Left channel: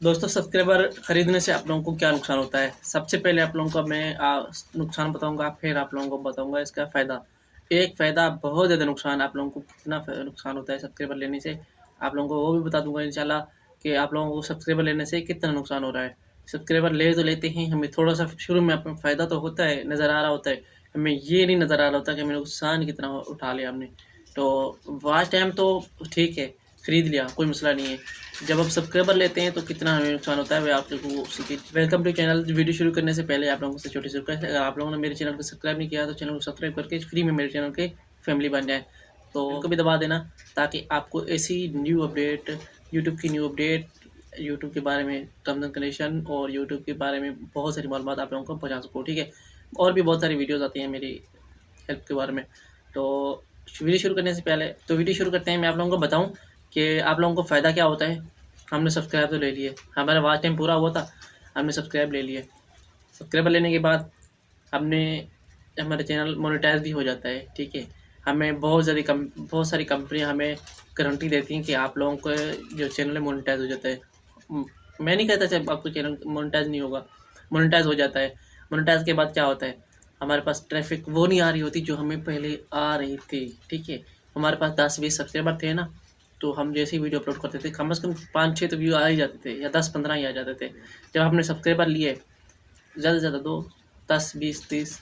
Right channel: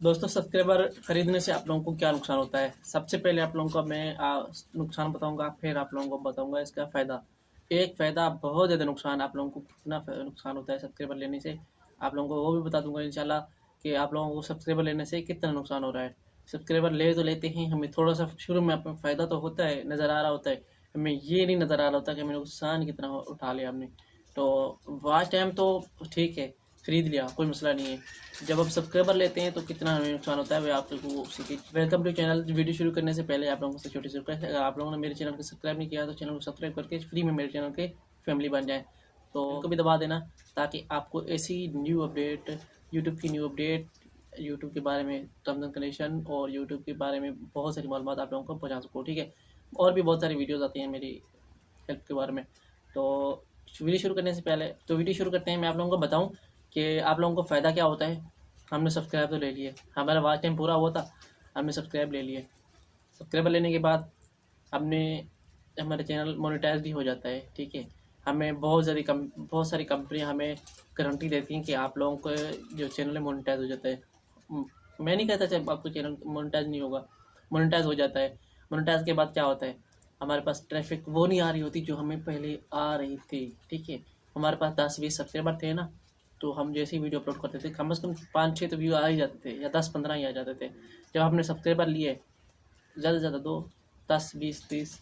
दोस्तों सब्सक्राइबर खरीदने से आप लोगों को क्या नुकसान होता है? सबसे पहले आप लोगों को मैं नुकसान बताऊँगा, फिर आप लोगों को बताऊँगा इसका फ़ायदा। एक फ़ायदा बहुत ज़्यादा नुकसान आप लोगों को कितना नुकसान होता है सब्सक्राइबर लेने से, आप लोगों को वो भी बता दूँगा इंशाल्लाह कि आप लोगों को सब्सक्राइबर लेने से कितना नुकसान हो रहा है। सब्सक्राइबर ले तो लेते हैं, हमें थोड़ा-सा शुरू में अपना फ़ायदा तो होता है, नज़र आ रहा होता है। हमें ये नहीं नज़र आ रहा होता कि हमें नुकसान कितना उठा लिया हमने। तो वॉच टाइम तो ठीक है, खरीद लिया, कोई मसला नहीं है। जब आप सब्सक्राइबर लेते हैं तो कितना हमें नुकसान होता है वह आप लोगों को उसी वेलकम टू चैनल। वीडियो शुरू करने से पहले आप लोगों से छोटी सी रिक्वेस्ट है, अगर आप लोगों ने मेरे चैनल को सब्सक्राइब नहीं किया तो चैनल को सब्सक्राइब करके फ्री में मेरे चैनल के फैमिली बन जाए। तो उनको भी दबा देना ताकि आपको ऐसी न्यू अपडेट, यूट्यूब की न्यू अपडेट, यूट्यूब के बारे में टर्म्स एंड कंडीशन और यूट्यूब के बारे में बहुत सारी मालूमात आप लोगों को पहुँचा सकूँ, ठीक है। और भी बहुत सारी वीडियोज़ आती हैं मेरी हेल्प के बारे में। तो वीडियो शुरू करने से पहले वीडियो शुरू करते हैं, मैं आप लोगों को बताऊँ कि आप लोगों को फ़ायदा क्या होता है। हमने सब्सक्राइब तो ले लिए, हमारा वॉच टाइम पूरा हुआ था, हमने सब्सक्राइब ले लिए। सब्सक्राइबर लेने के बाद हमने हमारा चैनल मोनेटाइज भी हो जाता है, ठीक है। हमें बहुत सारी कंपनियाँ हमें गारंटी देती हैं कि आप लोगों का जो चैनल है मोनेटाइज हो जाता है। मैं नहीं कहता जब आपको चैनल मोनेटाइज नहीं होगा, मोनेटाइज हो जाता है। मोनेटाइज के बाद क्या होता है, हमारे पास ट्रैफिक वो नहीं आ रही होती जो हमें पहले आ रही थी, ठीक है। हमारे पास 10-20 सब्सक्राइबर थे ना, तो हम जैसे ही वीडियो अपलोड करते थे कम से कम 5-6 तो व्यू आ ही जाते थे, या 10-15 ही आ जाते थे। जब हमने सब्सक्राइबर लिए ज़्यादा से ज़्यादा 2, 10, 20, 30,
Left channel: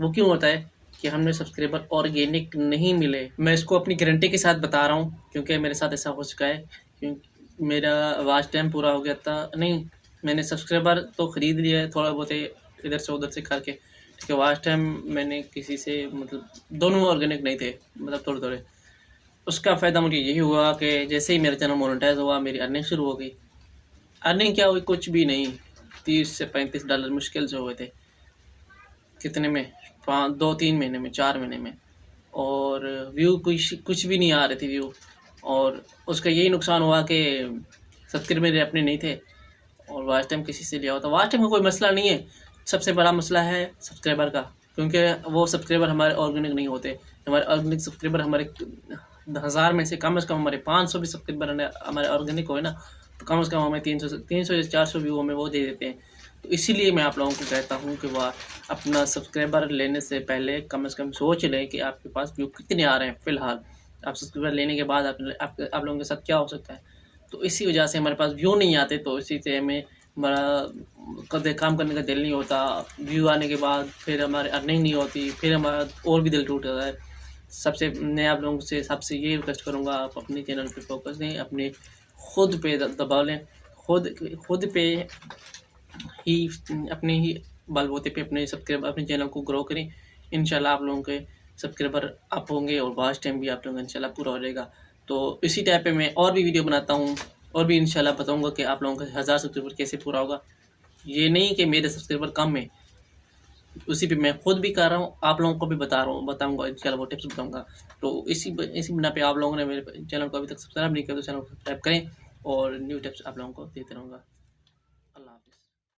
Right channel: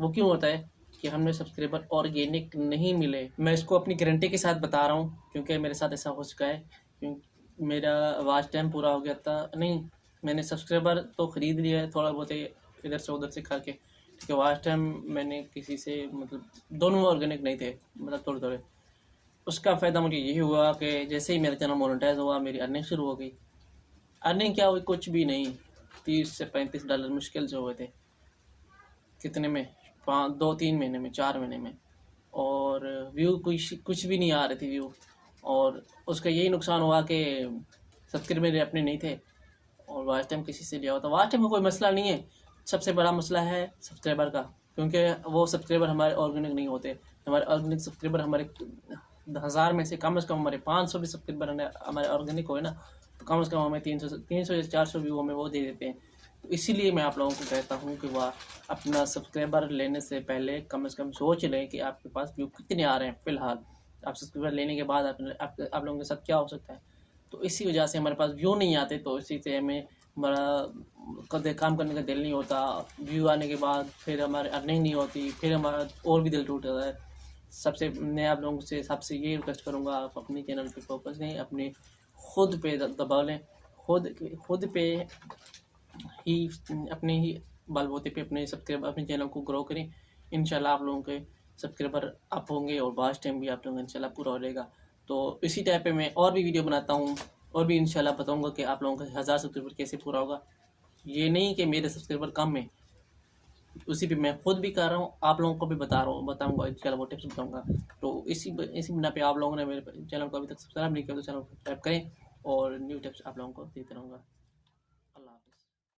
वो क्यों होता है कि हमने सब्सक्राइबर ऑर्गेनिक नहीं मिले। मैं इसको अपनी गारंटी के साथ बता रहा हूँ क्योंकि मेरे साथ ऐसा हो चुका है। मेरा वॉच टाइम पूरा हो गया था, नहीं मैंने सब्सक्राइबर तो ख़रीद लिया है थोड़ा बहुत इधर से उधर से करके, ठीक है। वॉच टाइम मैंने किसी से मतलब दोनों ऑर्गेनिक नहीं थे, मतलब थोड़े-थोड़े। उसका फ़ायदा मुझे यही हुआ कि जैसे ही मेरा चैनल मोनेटाइज हुआ मेरी अर्निंग शुरू हो गई। अर्निंग क्या हुई, कुछ भी नहीं, $30 से $35 मुश्किल से हुए थे। कितने में, 2-3 महीने में, 4 महीने में। और व्यू कुछ भी नहीं आ रहे थे व्यू। और उसका यही नुकसान हुआ कि सब्सक्राइबर मेरे अपने नहीं थे और वॉच टाइम किसी से लिया हुआ था। वॉच टाइम का कोई मसला नहीं है, सबसे बड़ा मसला है सब्सक्राइबर का, क्योंकि वो सब्सक्राइबर हमारे ऑर्गेनिक नहीं होते। हमारे ऑर्गेनिक सब्सक्राइबर हमारे 1000 में से कम हमारे 500 भी सब्सक्राइबर हमारे ऑर्गेनिक हो ना, तो कम से कम हमें 300 या 400 व्यू हमें वो दे देते हैं। तो इसीलिए मैं आप लोगों को कहता हूँ कि वह अपना सब्सक्राइबर लेने से पहले कम से कम सोच लें कि आपके पास व्यू कितने आ रहे हैं फ़िलहाल। आप सब्सक्राइबर लेने के बाद आप लोगों के साथ क्या हो सकता है। तो इसी वजह से हमारे पास व्यू नहीं आते, तो इसी से हमें हमारा कदे काम करने का दिल नहीं होता। व्यू आने के बाद फिर हमारी अर्निंग नहीं होती, फिर हमारा और भी दिल टूट जाता है। सबसे मैं आप लोगों से सबसे ये रिक्वेस्ट करूँगा, आप अपने चैनल पे फोकस दें, अपने खुद पे दबा लें, खुद पे ही अपने ही बलबूते पे अपने चैनल को ग्रो करें। इंशाल्लाह आप लोगों के सब्सक्राइबर अप होंगे और वॉच टाइम भी आप लोगों का इंशाल्लाह पूरा हो जाएगा। तो इसी टाइप पे मैं और भी वीडियो बनाता हूँ और भी इंशाल्लाह बताऊँगा कि आप लोगों का 1000 सब्सक्राइबर कैसे पूरा होगा। ये नहीं कि मेरे सब्सक्राइबर कम है, उसी पे मैं खुद भी कर रहा हूँ, आप लोगों को भी बताऊँगा इंशाल्लाह, वो टिप्स बताऊँगा। तो इसी बिना पे आप लोगों ने मेरे चैनल को अभी तक सब्सक्राइब नहीं किया तो चैनल को सब्सक्राइब करें और न्यू टिप्स आप लोगों को देते रहूँगा।